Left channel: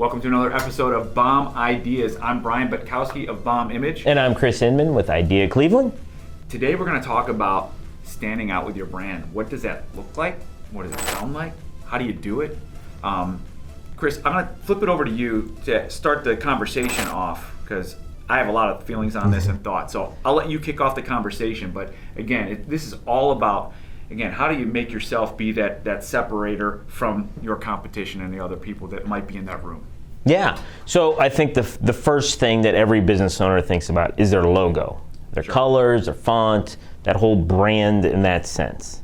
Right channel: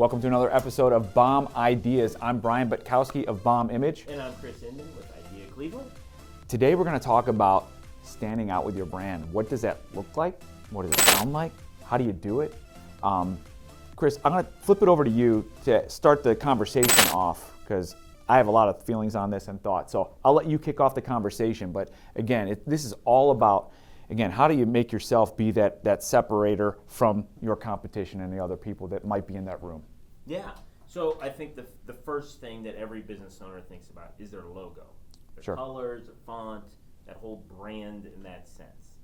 Welcome to another episode of Bomb Ideas. I'm Brian Butkowski of Bomb Image. And I'm Chris Inman with I.D.E.A Cleveland. Today we're going to talk about standing out with your brand. What does that look like? What does it sound like? How do you do it? Chris, I'm going to flip it over to you to start the conversation off because I have a lot of feelings on this and thoughts. So I'll let you kick off the conversation. But again, this is all about, how do you make yourself be that separator from your competition and the other people that might be in that room? Yeah. So I think the first thing that every business owner thinks about is their logo, their colors, their font, that whole brand in that sense.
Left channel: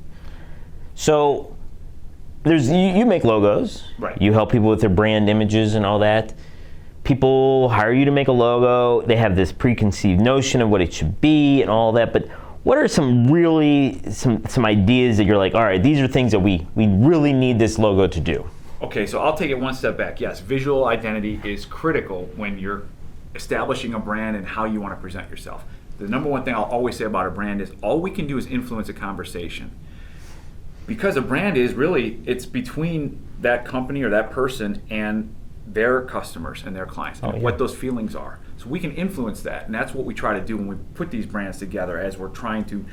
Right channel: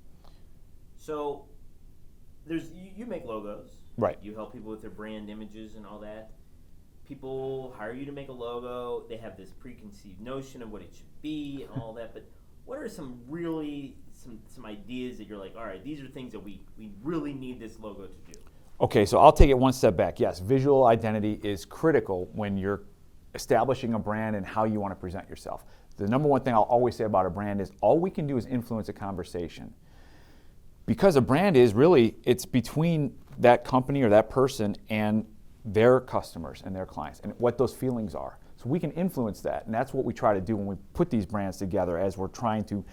So you make logos. Right. You help people with their brand images and all that. People hire you to make a logo. They have this preconceived notion of what it should be and all that. But what are some ideas that you're like, all right, these are things that we really need this logo to do? Okay, so I'll take it one step back. Yes, visual identity is critical when you're establishing a brand and how you want to present yourself. The number one thing I'll always say about a brand is all we can do is influence a conversation. Because a brand is really, it's between that company or that person and their customers and their clients, and what those feelings are. So we can influence that, and that's what we try to do when we put these brands together as we're trying to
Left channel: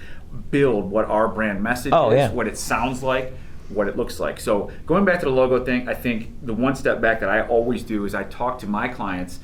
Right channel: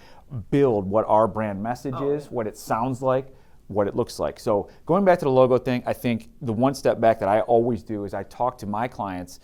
build what our brand message is, what it sounds like, what it looks like. So going back to the logo thing, I think the one step back that I always do is I talk to my clients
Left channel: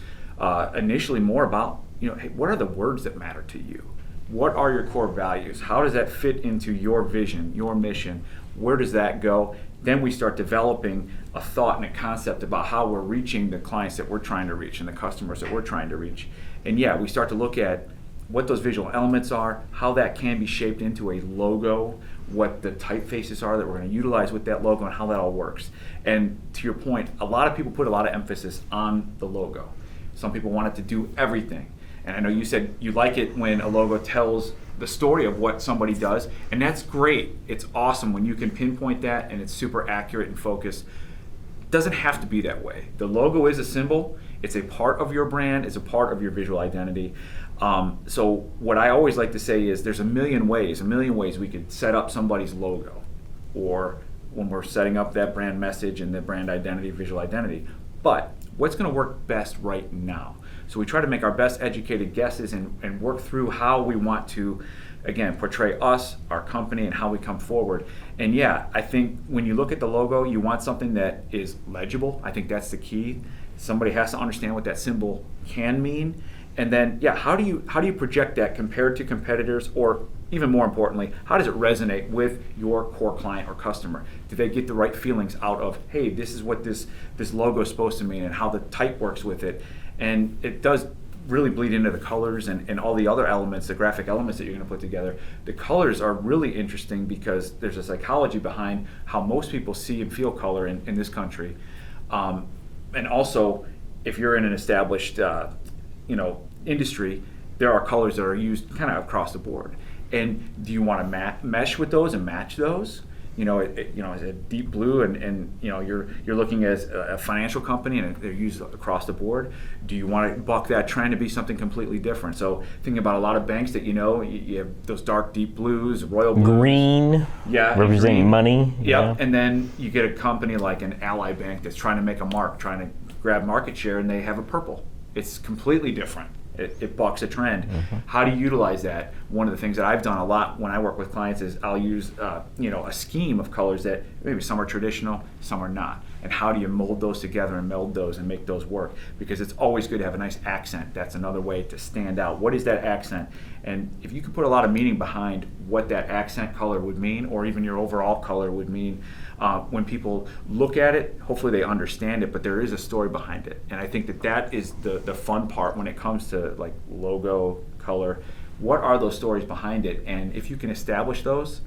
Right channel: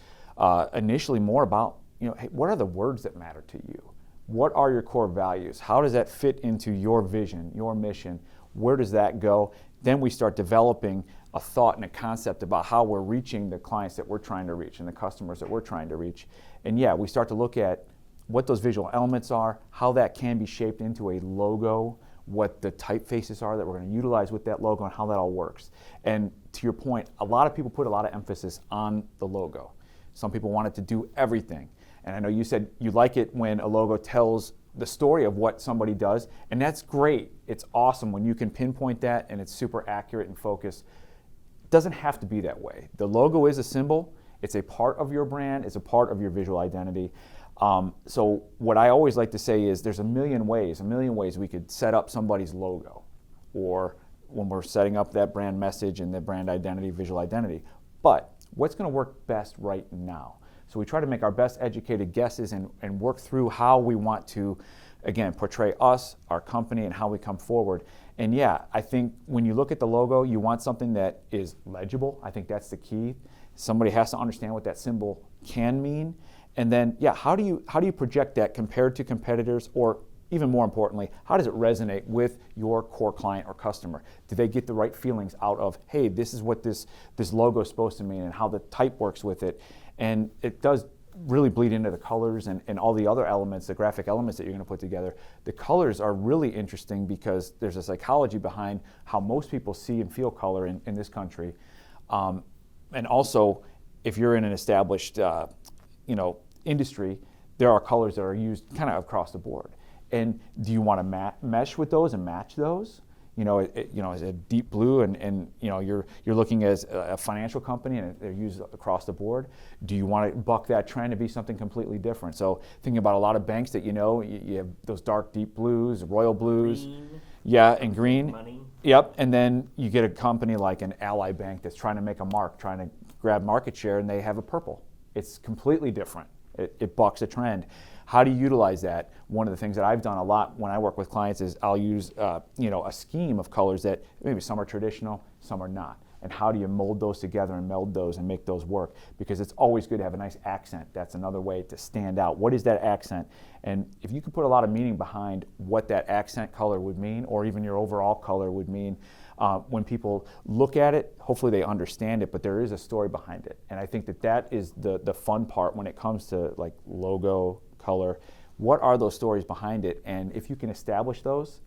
initially more about, hey, what are the words that matter to you? What are your core values? How does that fit into your vision, your mission? Where does that go? Then we start developing a thought and a concept about how we're reaching the clients that we're trying to reach and the customers that we're trying to reach. And we start to look at what those visual elements are, how that can be shaped into a logo, what the typefaces are that we're going to utilize with that logo, and how that all works. And to your point, a lot of people put a lot of emphasis on the logo. Some people want it to do everything. And I know you said you like it when a logo tells the story of what somebody does, and that's great. It's awesome when you can pinpoint that and it's super accurate and focused. It doesn't have to be that way. The logo is a symbol. It's a part of your brand. It's a part of your visual identity. So what I always like to say is there's a million ways we could set up somebody's logo, or when we're setting up that brand message and the brand identity, visual identity. But what's going to work best right now? So we try to make our best educated guesses and work through how we want to, again, portray us, our company, and how we come forward. And I think when you look at the logo, you want something that is legible. I think that's the key. Somebody has to understand what that symbol can mean. And then, how do you project that compared to competitors, or even more importantly, how does it resonate with your core client or customer? Do they get the right feelings out of, hey, this is what this logo is supposed to mean, and how the type works with it? And it does really bleed into the colors and all the other elements, the graphic elements that you're going to put together. The colors are really interesting because there's a psychology behind how most people see and feel color in this country. And also, if you're in an established industry, there are colors that are used kind of across the board. And do you want to mesh with those and match those? Is it deep blue and you're looking as a financial company and they're used across the board? Do you want to buck that trend to be something completely different? So thinking about a lot of banks that you have those dark deep blues, royal blues. Green, representing money. Yep, yeah. And then you get a company like an Ally Bank that's trying to make a mark, trying to grab market share, and they have a purple. It's completely different. It bucks a trend. Mm-hmm. How do you utilize that? One of the things that I've done a lot when I work with clients is I'll use a scheme of colors that maybe some are traditional, some are not. And how do you mold those together and meld those and make those work? Because it's always good to have a nice accent. That's another way to stand out. What is that accent? And if you can put a lot of meaning behind what that accent color would mean, or even your overall color would mean, when people look at it, hopefully they understand it, but there is a story behind it. And I think that is the fun part when it comes to like logo, color. What are those stories behind it? And if you can establish those,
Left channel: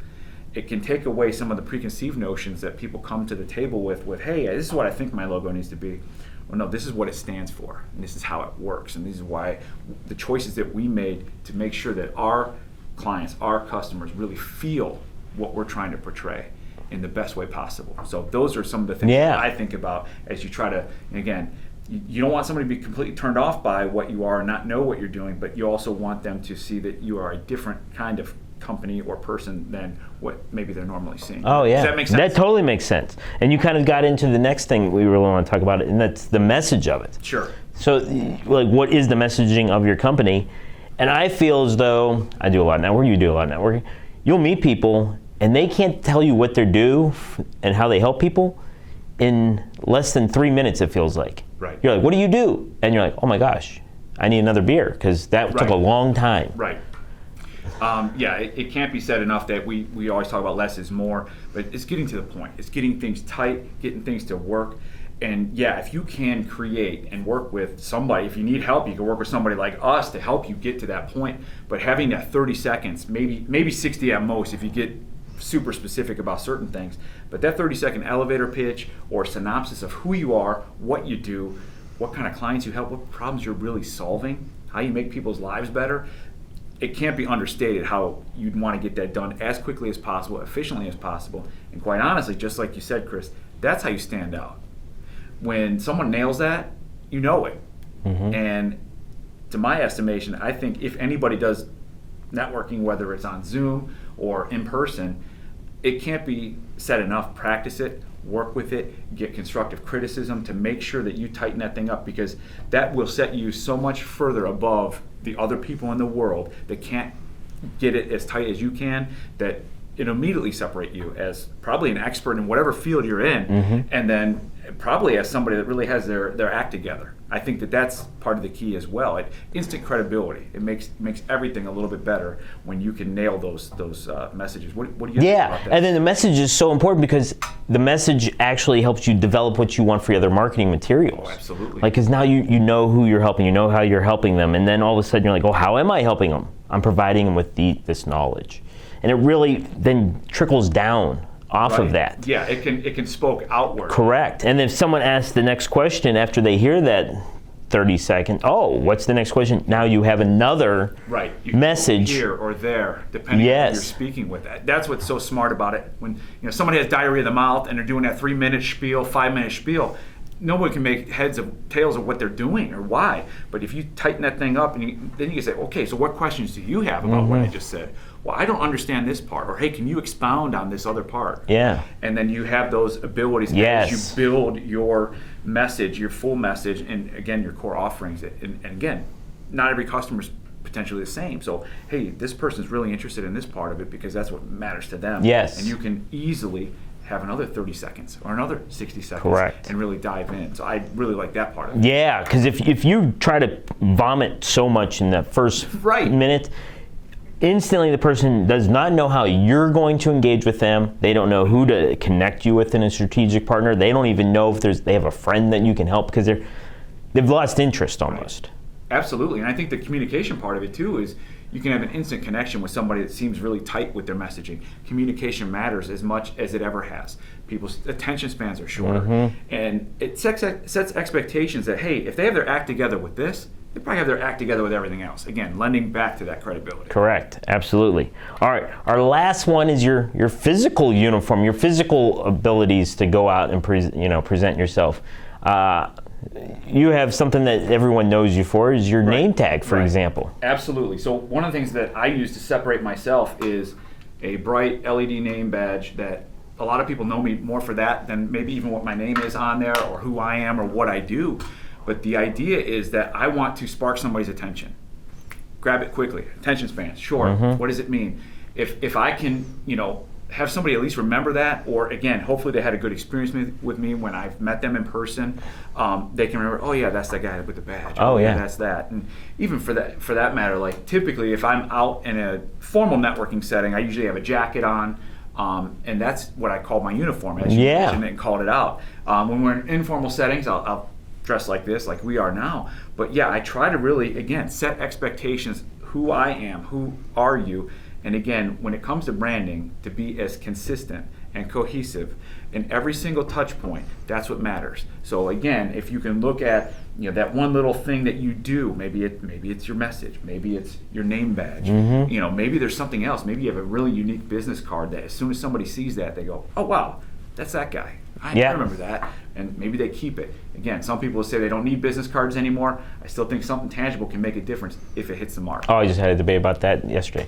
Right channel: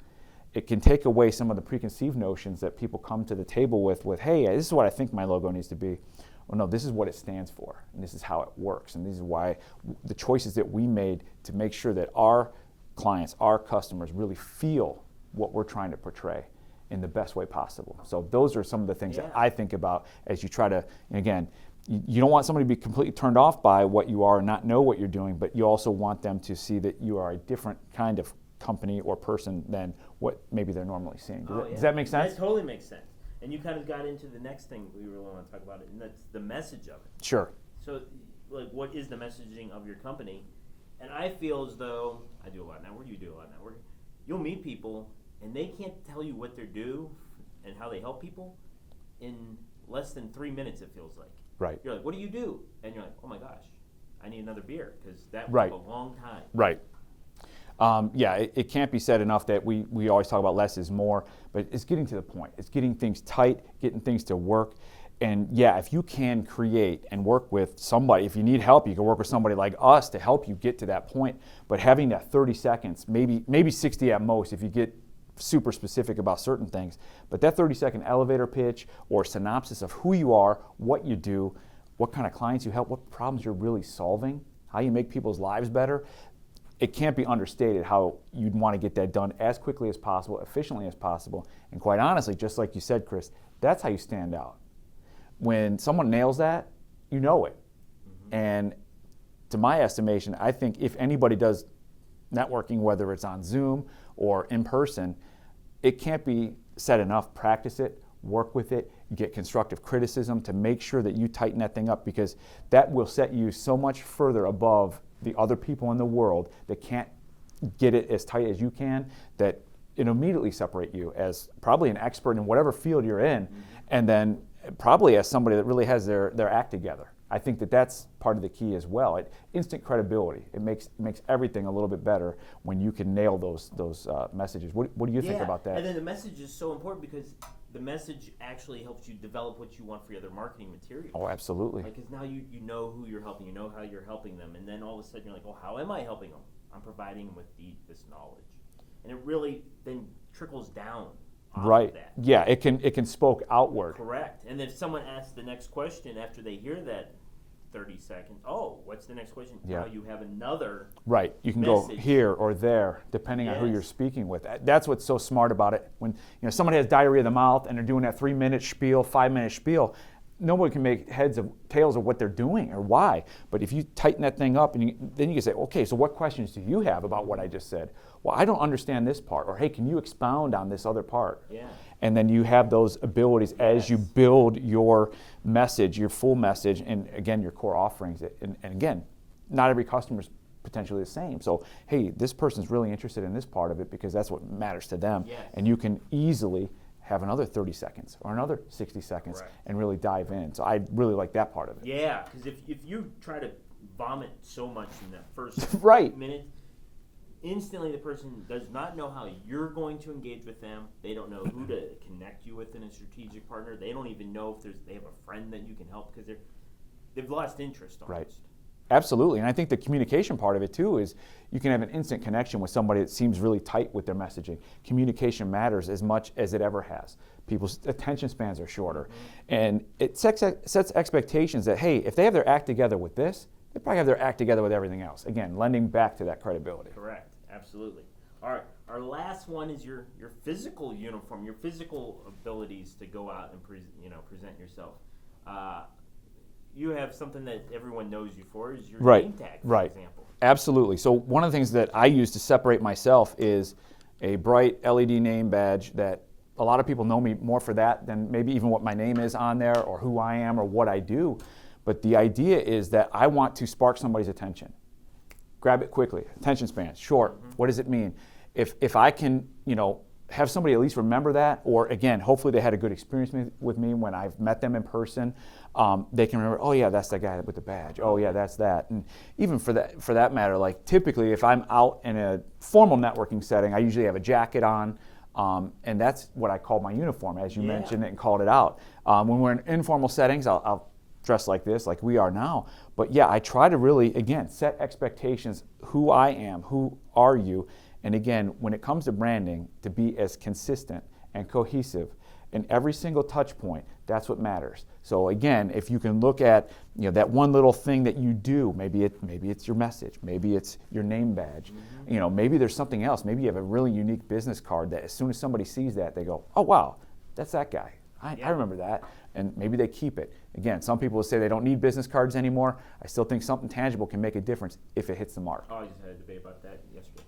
it can take away some of the preconceived notions that people come to the table with, hey, this is what I think my logo needs to be. Or no, this is what it stands for, and this is how it works, and this is why the choices that we made to make sure that our clients, our customers really feel what we're trying to portray in the best way possible. So those are some of the things that I think about as you try to, again, you don't want somebody to be completely turned off by what you are and not know what you're doing, but you also want them to see that you are a different kind of company or person than what maybe they're normally seeing. Oh yeah, Does that make sense? That totally makes sense. And you kind of got into the next thing we really want to talk about, and that's the message of it. Sure. So, like, what is the messaging of your company? And I feel as though I do a lot of networking. You do a lot of networking. You'll meet people, and they can't tell you what they do and how they help people in less than 3 minutes. It feels like. Right. You're like, what do you do? And you're like, oh my gosh, I need another beer because that took a long time. Right. Yeah, it can't be said enough that we always talk about less is more, but it's getting to the point. It's getting things tight, getting things to work. And yeah, if you can create and work with somebody, if you need help, you can work with somebody like us to help you get to that point. But having that 30 seconds, maybe 60 at most if you get super specific about certain things, but that 30-second elevator pitch or synopsis of who you are, what you do, what kind of clients you help, what problems you're really solving, how you make people's lives better, it can't be understated how you'd want to get that done as quickly as possible, efficiently as possible. And quite honestly, just like you said, Chris, that's how you stand out. When someone nails that, you know it. Mm-hmm. And to my estimation, I think if anybody does networking, whether it's on Zoom or in person, it can't be said enough. Practice it, work with it, get constructive criticism to make sure that you tighten that thing up, because that will set you so much further above the other people in the world that can't get it as tight as you can, that it immediately separate you as probably an expert in whatever field you're in, mm-hmm. and then probably as somebody that really has their act together. I think that that's part of the key as well. Instant credibility. It makes everything a little bit better when you can nail those messages. What do you think about that? And then the message is so important because the message actually helps you develop what you want for your other marketing materials. Oh, absolutely. Like, because now you know who you're helping, you know how you're helping them, and then all of a sudden you're like, oh, how am I helping them? I'm providing them with this knowledge. And it really then trickles down off of that. Yeah, it can spoke outward. Correct. And if someone asks the next question after they hear that 30 second, oh, what's the next question? Now you have another you can message go here or there, depending on who you're speaking with. That's what's so smart about it. When somebody has diarrhea of the mouth and they're doing that 3-minute spiel, 5-minute spiel, no one can make heads of tails of what they're doing or why. But if you tighten that thing up, and then you can say, okay, so what questions do you have about what I just said? Well, I don't understand this part, or hey, can you expound on this other part? Yeah. And then you have those abilities as you build your message, your full message, and again, your core offerings. And again, not every customer is potentially the same. So, hey, this person's really interested in this part of it because that's what matters to them. Yes. And you can easily have another 30 seconds or another 60 seconds. Correct. And really dive in. So I really like that part of it. Yeah, because if you try to vomit so much in that first minute, instantly the person does not know how you're going to engage with them. They don't know who to connect you with in a strategic partner. They don't even know if they have a friend that you can help because they've lost interest almost. Absolutely, and I think the communication part of it too is you can have an instant connection with somebody that seems really tight with their messaging. Communication matters as much as it ever has. People's attention spans are shorter, mm-hmm. and it sets expectations that, hey, if they have their act together with this, they probably have their act together with everything else. Again, lending back to that credibility. Correct, absolutely. All right, our last one is your physical uniform, your physical abilities to go out and present yourself. You have something that everyone knows you for is your name tag, for example. Absolutely. So one of the things that I use to separate myself is a bright LED name badge that a lot of people know me more for that than maybe even what my name is on there or who I am or what I do. But the idea is that I want to spark somebody's attention. Grab it quickly. Attention span, short. Mm-hmm. What does it mean? If I can, have somebody at least remember that, or again, hopefully they had a good experience with me when I've met them in person, they can remember, oh yeah, that's that guy with the badge. Oh yeah, that's that. And even for that matter, like typically if I'm out in a formal networking setting, I usually have a jacket on, and that's what I call my uniform, as you mentioned it and called it out. When we're in informal settings, I'll dress like this, like we are now. But yeah, I try to really, again, set expectations, who I am, who are you, and again, when it comes to branding, to be as consistent and cohesive in every single touch point, that's what matters. So again, if you can look at that one little thing that you do, maybe it's your message, maybe it's your name badge, mm-hmm. Maybe there's something else, maybe you have a really unique business card that as soon as somebody sees that, they go, oh wow, that's that guy. I remember that, and maybe they keep it. Again, some people will say they don't need business cards anymore. I still think something tangible can make a difference if it hits the mark. Oh, I just had a debate about that yesterday.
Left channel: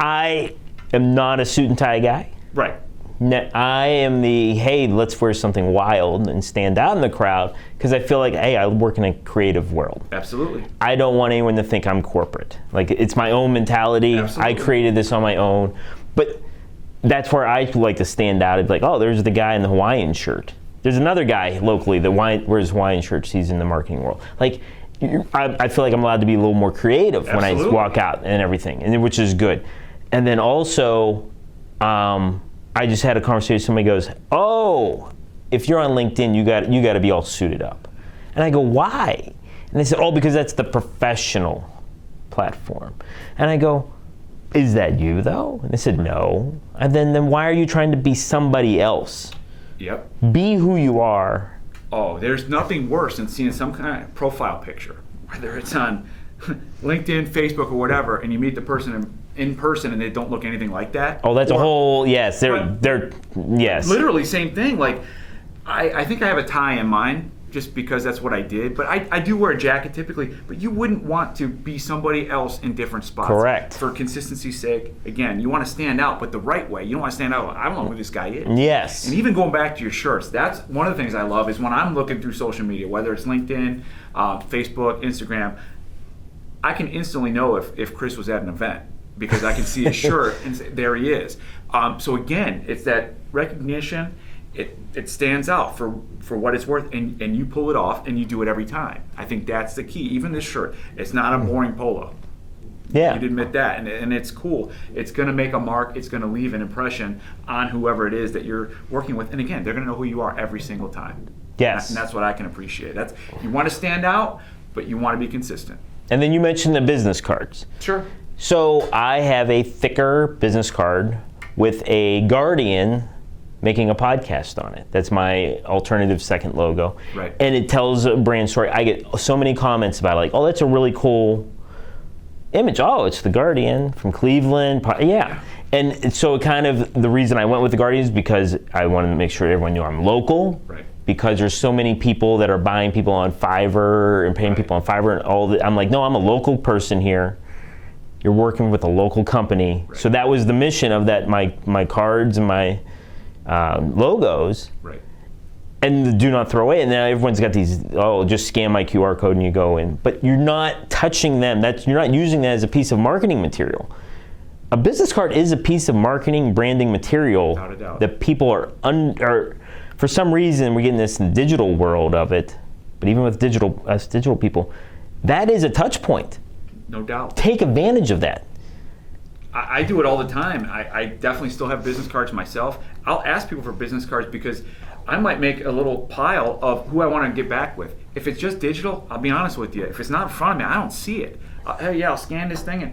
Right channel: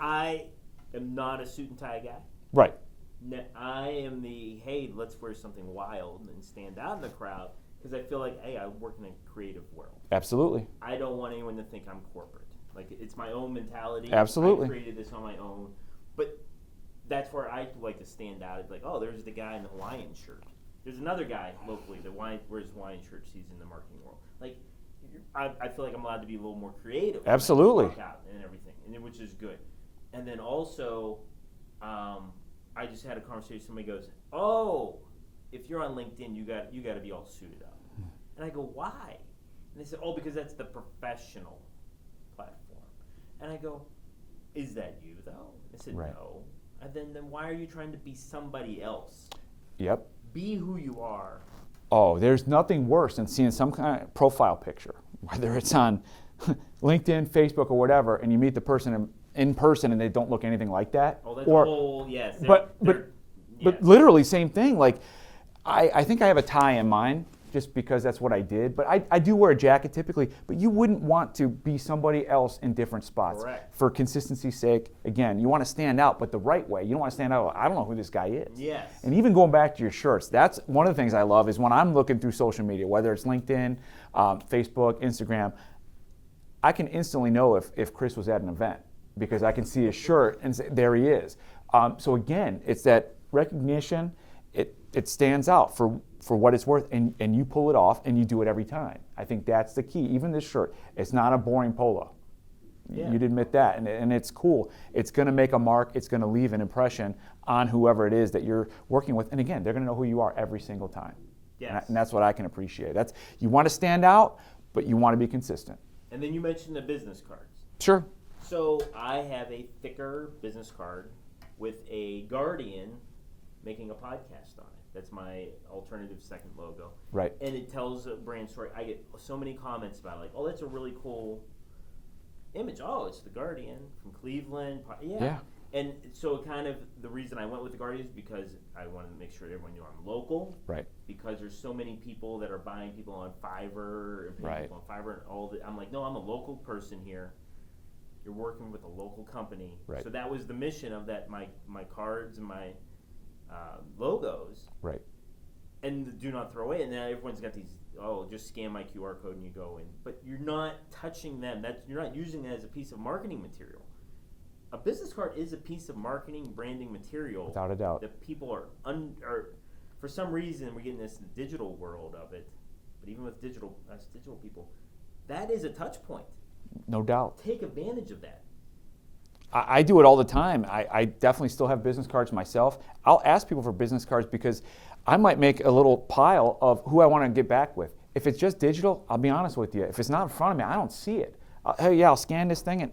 I am not a suit and tie guy. Right. I am the, hey, let's wear something wild and stand out in the crowd, because I feel like, hey, I work in a creative world. Absolutely. I don't want anyone to think I'm corporate. Like, it's my own mentality. Absolutely. I created this on my own. But that's where I like to stand out. It's like, oh, there's the guy in the Hawaiian shirt. There's another guy locally that wears Hawaiian shirts. He's in the marketing world. Like, I feel like I'm allowed to be a little more creative Absolutely. when I walk out and everything, and which is good. And then also, I just had a conversation. Somebody goes, "Oh, if you're on LinkedIn, you got to be all suited up." And I go, "Why?" And they said, "Oh, because that's the professional platform." And I go, "Is that you though?" And they said, "No." And then why are you trying to be somebody else? Yep. Be who you are. Oh, there's nothing worse than seeing some kind of profile picture, whether it's on LinkedIn, Facebook, or whatever, and you meet the person in person and they don't look anything like that. Oh, that's a whole, yes. They're yes. Literally same thing. Like, I think I have a tie in mine just because that's what I did. But I do wear a jacket typically, but you wouldn't want to be somebody else in different spots. Correct. For consistency's sake, again, you want to stand out, but the right way. You don't want to stand out like, I don't know who this guy is. Yes. And even going back to your shirts, that's one of the things I love is when I'm looking through social media, whether it's LinkedIn, Facebook, Instagram, I can instantly know if Chris was at an event because I can see his shirt and say, there he is. So again, it's that recognition. It stands out for what it's worth, and you pull it off, and you do it every time. I think that's the key. Even this shirt, it's not a boring polo. Yeah. You'd admit that, and it's cool. It's going to make a mark. It's going to leave an impression on whoever it is that you're working with. And again, they're going to know who you are every single time. Yes. And that's what I can appreciate. You want to stand out, but you want to be consistent. And then you mentioned the business cards. Sure. So I have a thicker business card with a Guardian making a podcast on it. That's my alternative second logo. Right. And it tells a brand story. I get so many comments about it, like, oh, that's a really cool image. Oh, it's the Guardian from Cleveland. Yeah. And so it kind of, the reason I went with the Guardian is because I wanted to make sure everyone knew I'm local. Right. Because there's so many people that are buying people on Fiverr and paying people on Fiverr and all that. I'm like, no, I'm a local person here. You're working with a local company. Right. So that was the mission of that, my cards and my logos. Right. And the do not throw away. And now everyone's got these, oh, just scan my QR code and you go in. But you're not touching them. You're not using that as a piece of marketing material. A business card is a piece of marketing, branding material. Without a doubt. That people are for some reason, we're getting this digital world of it. But even with us digital people, that is a touch point. No doubt. Take advantage of that. I do it all the time. I definitely still have business cards myself. I'll ask people for business cards because I might make a little pile of who I want to get back with. If it's just digital, I'll be honest with you. If it's not in front of me, I don't see it. Hey, yeah, I'll scan this thing, and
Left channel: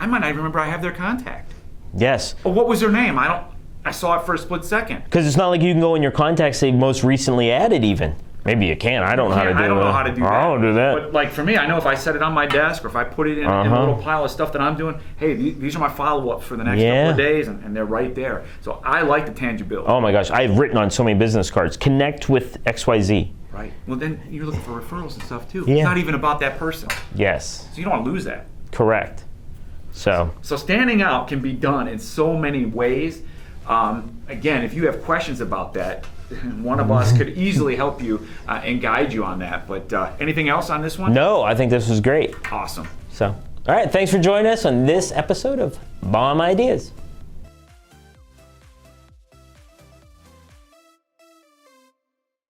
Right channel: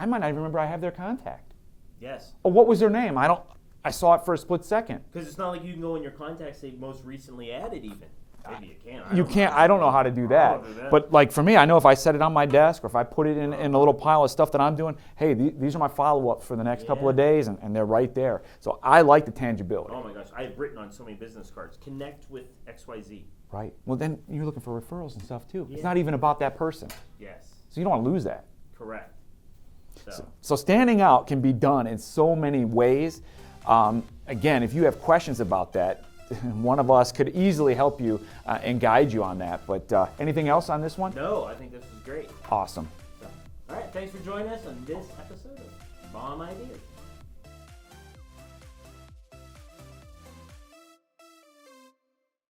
I might not even remember I have their contact. Yes. Or what was their name? I saw it for a split second. Because it's not like you can go in your contacts, say most recently added even. Maybe you can. I don't know how to do that. I don't know how to do that. I don't do that. But like for me, I know if I set it on my desk or if I put it in a little pile of stuff that I'm doing, hey, these are my follow-ups for the next couple of days, and they're right there. So I like the tangibility. Oh my gosh, I've written on so many business cards. Connect with XYZ. Right. Well, then you're looking for referrals and stuff too. Yeah. It's not even about that person. Yes. So you don't want to lose that. Correct. So standing out can be done in so many ways. Again, if you have questions about that, one of us could easily help you and guide you on that. But anything else on this one? No, I think this was great. Awesome. So, all right, thanks for joining us on this episode of Bomb Ideas.